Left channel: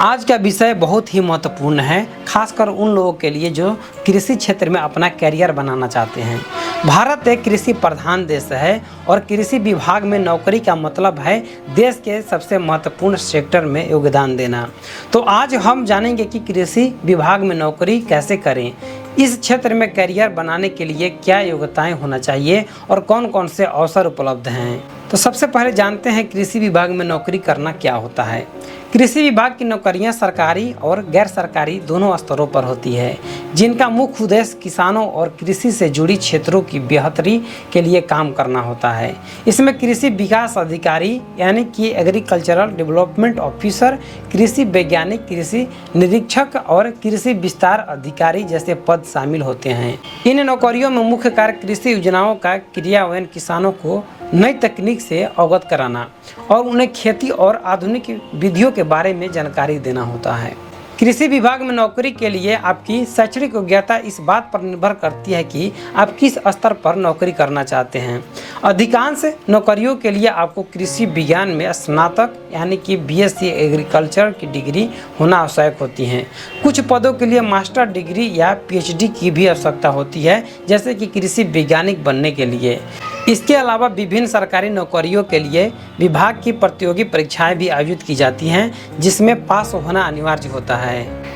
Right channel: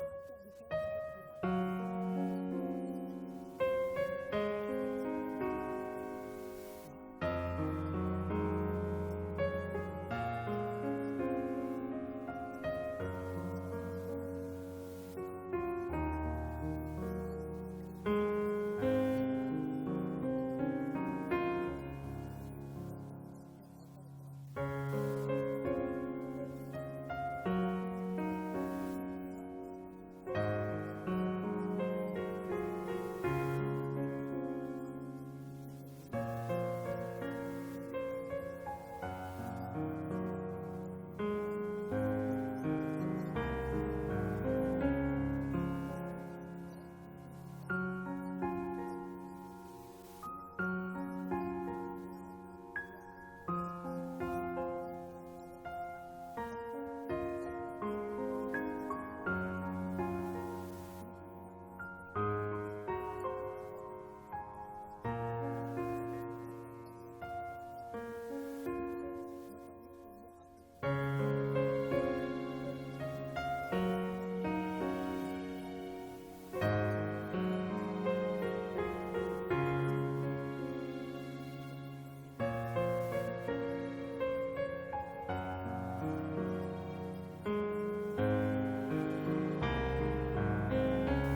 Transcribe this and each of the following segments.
आज का विषय बहुत ही महत्वपूर्ण है, खासकर उन लोगों के लिए जो कृषि क्षेत्र में अपना करियर बनाना चाहते हैं। भारत एक कृषि प्रधान देश है और कृषि विभाग में नौकरी का मतलब है देश के सबसे महत्वपूर्ण सेक्टर में योगदान देना। तो आज हम जानेंगे कि कृषि विभाग में नौकरी कैसे करें, इस क्षेत्र में करियर बनाने के लिए क्या योग्यताएं होना चाहिए और कौन कौन से अवसर उपलब्ध हैं। तो सबसे पहले जानते हैं कृषि विभाग में नौकरी करना क्या होता है। कृषि विभाग की नौकरियां सरकारी और गैर सरकारी दोनों स्तरों पर होती है, जिनका मुख्य उद्देश्य किसानों और कृषि से जुड़ी क्षेत्रों की बेहतरी के लिए काम करना होता है। इसमें कृषि विकास अधिकारी यानी कि एग्रीकल्चरल डेवलपमेंट ऑफिसर, कृषि वैज्ञानिक, कृषि निरीक्षक और कृषि विस्तार अधिकारी जैसे पद शामिल होते हैं। इन नौकरियों में मुख्य कार्य कृषि योजनाओं का क्रियान्वयन, किसानों को नई तकनीक से अवगत कराना और उन्हें खेती और आधुनिक विधियों के बारे में जानकारी देना होता है। कृषि विभाग में नौकरी के लिए आपकी शैक्षणिक योग्यता इस बात पर निर्भर करती है कि आप किस स्तर पर नौकरी करना चाहते हैं। अधिकांश नौकरियों के लिए आपको कृषि विज्ञान में स्नातक यानी कि बीएससी एग्रीकल्चर की डिग्री होना आवश्यक होती है। कुछ पदों के लिए मास्टर डिग्री या पीएचडी की भी आवश्यकता होती है, जैसे कि कृषि वैज्ञानिक बनने के लिए। इसके अलावा विभिन्न सरकारी नौकरियों के लिए विभाग की प्रतियोगी परीक्षाएं भी आयोजित की जाती हैं, जिसमें पास होना अनिवार्य होता है।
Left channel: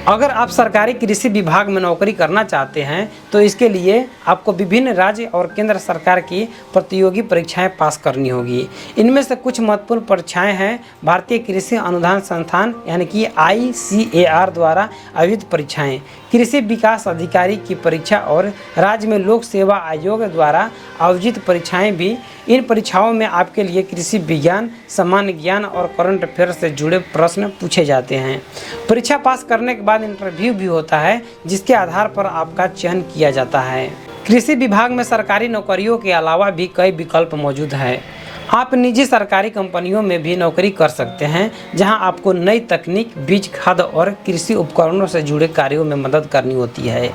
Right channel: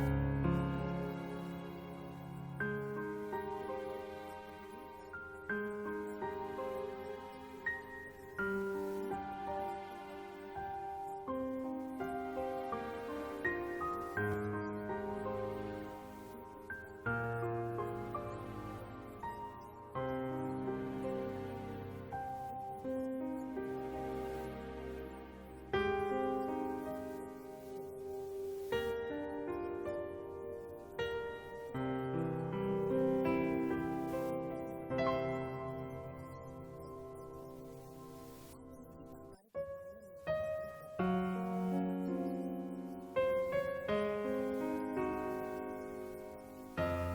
अगर आप सरकारी कृषि विभाग में नौकरी करना चाहते हैं तो इसके लिए आपको विभिन्न राज्य और केंद्र सरकार की प्रतियोगी परीक्षाएं पास करनी होगी। इनमें से कुछ महत्वपूर्ण परीक्षाएं हैं भारतीय कृषि अनुदान संस्थान यानी कि ICAR द्वारा आयोजित परीक्षाएं, कृषि विकास अधिकारी की परीक्षा और राज्य में लोक सेवा आयोग द्वारा आयोजित परीक्षाएं भी। इन परीक्षाओं में आपके लिए कृषि विज्ञान, सामान्य ज्ञान और करंट अफेयर से जुड़े प्रश्न पूछे जाते हैं। परीक्षा पास करने के बाद इंटरव्यू भी होता है, जिसके आधार पर आपका चयन किया जाता है। कृषि विभाग में सरकारी नौकरियों के अलावा भी कई विकल्प मौजूद हैं। आप निजी सरकारी कंपनियों में भी नौकरी कर सकते हैं, जहां आपको नई तकनीक, बीज, खाद और कृषि उपकरणों से जुड़े कार्यों में मदद करनी होती है।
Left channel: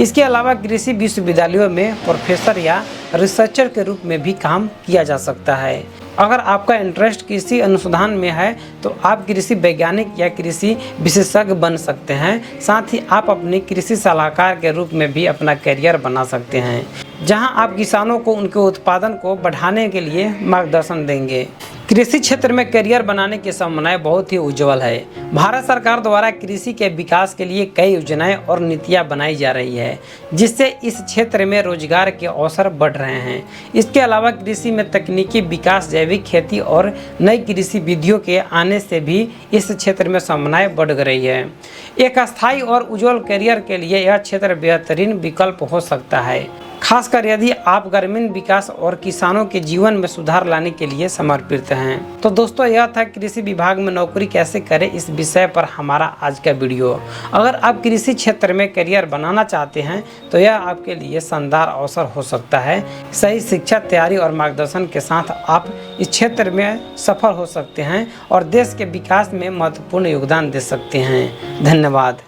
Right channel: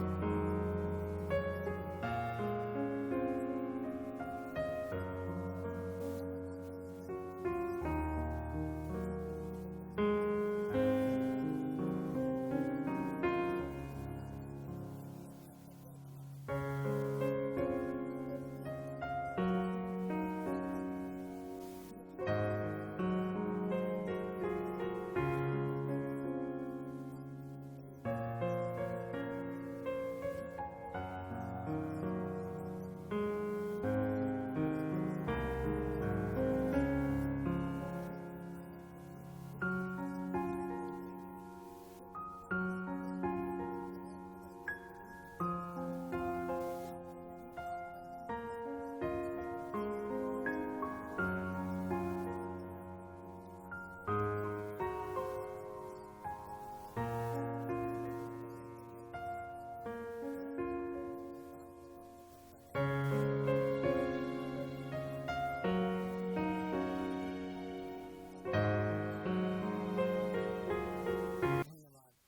इसके अलावा कृषि विश्वविद्यालयों में प्रोफेसर या रिसर्चर के रूप में भी काम किया जा सकता है। अगर आपका इंटरेस्ट कृषि अनुसंधान में है तो आप कृषि वैज्ञानिक या कृषि विशेषज्ञ बन सकते हैं। साथ ही आप अपने कृषि सलाहकार के रूप में भी अपना करियर बना सकते हैं, जहां आप किसानों को उनके उत्पादन को बढ़ाने के लिए मार्गदर्शन देंगे। कृषि क्षेत्र में करियर बनाने की संभावनाएं बहुत ही उज्जवल है। भारत सरकार द्वारा कृषि के विकास के लिए कई योजनाएं और नीतियां बनाई जा रही है, जिससे इस क्षेत्र में रोजगार के अवसर बढ़ रहे हैं। इसके अलावा कृषि में तकनीकी विकास, जैविक खेती और नई कृषि विधियों के आने से भी इस क्षेत्र में संभावनाएं बढ़ रही है। एक स्थायी और उज्जवल करियर के लिए यह क्षेत्र बेहतरीन विकल्प हो सकता है, खासकर यदि आप ग्रामीण विकास और किसानों के जीवन में सुधार लाने के लिए समर्पित हैं। तो दोस्तों, यह था कृषि विभाग में नौकरी कैसे करें इस विषय पर हमारा आज का वीडियो। अगर आप कृषि क्षेत्र में करियर बनाना चाहते हैं तो यह आपके लिए शानदार अवसर हो सकता है। सही शिक्षा, तैयारी और मार्गदर्शन के साथ आप इस क्षेत्र में सफल हो सकते हैं और देश के विकास में महत्वपूर्ण योगदान दे सकते हैं। धन्यवाद।